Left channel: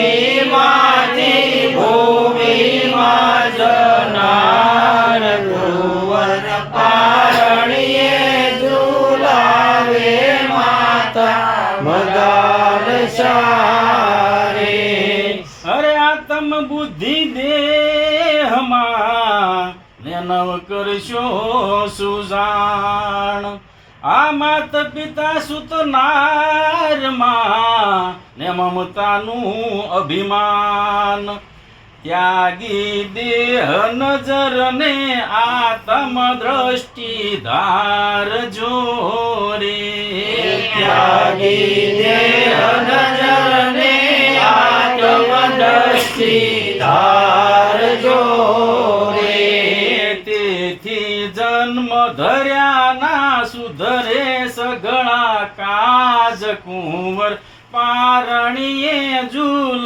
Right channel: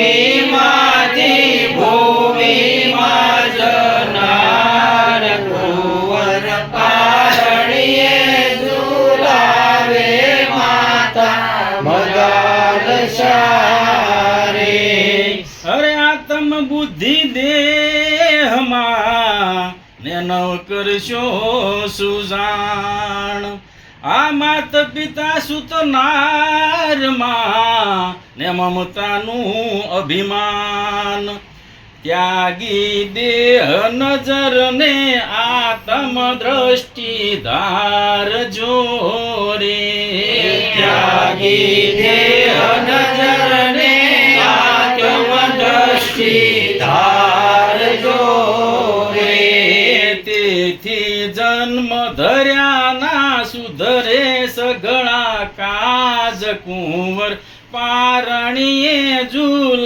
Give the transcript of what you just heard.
ભૂમિમાંથી ભૂમિમાં જનાર કુંવર પારણીએ ઝુલાવે માતા મદાર સારે. અરે આત્મ બુદ્ધિ દેહમાં ને નવ કરશો સુજાણ. આ માત પિતા સુતનારમાં ને મમતાનું અભિમાન. ત્યાગી દેહ નજર ને આત્મ દ્રષ્ટિ ધારજો રે. ત્યાગી દેહ નજર ને આત્મ દ્રષ્ટિ ધારજો રે. તેથી જન્મ ધર્યાના સુધરે સઘળા કાજ કુંવર પારણીએ ઝૂલ